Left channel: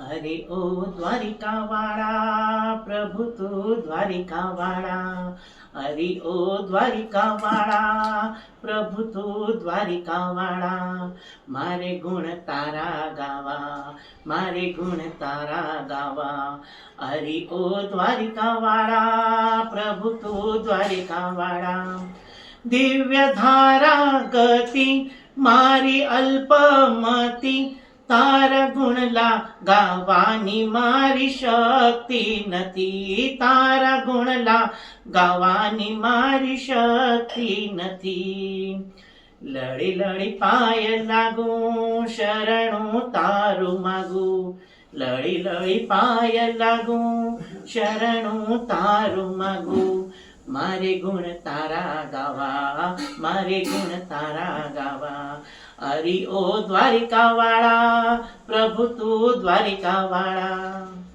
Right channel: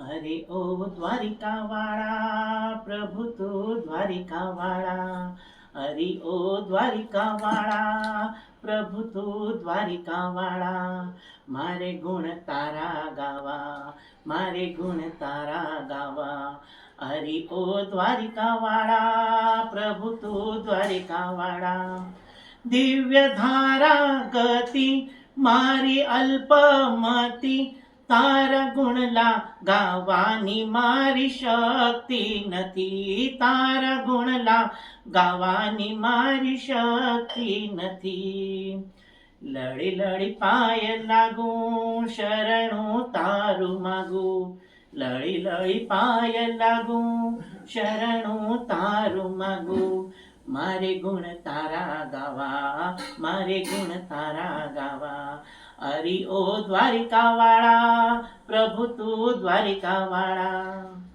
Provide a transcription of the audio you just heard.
हरे ओ द्वारिका वाडा प्रभु तो द्वारिका वाडा. हरि ओ द्वारिका वाडा प्रभु तो द्वारिका वाडा. मारे गुण तारा गावा मारे गुण तारा गावा. हरि ओ द्वारिका वाडा प्रभु तो द्वारिका वाडा. दिव्य धारा गती मारी अल्पमती તારા ગુણલા ગાવાની મારી શક્તિ નથી. તારા ગુણલા ગાવાની મારી શક્તિ નથી. લડી લડી પાય લાગુ, શરણું તારું માગું. લડી લડી પાય લાગુ, શરણું તારું માગું. મારે ગુણ તારા ગાવા, મારે ગુણ તારા હરી ઓ દ્વારિકા વાળા પ્રભુ તું દ્વારિકા વાળા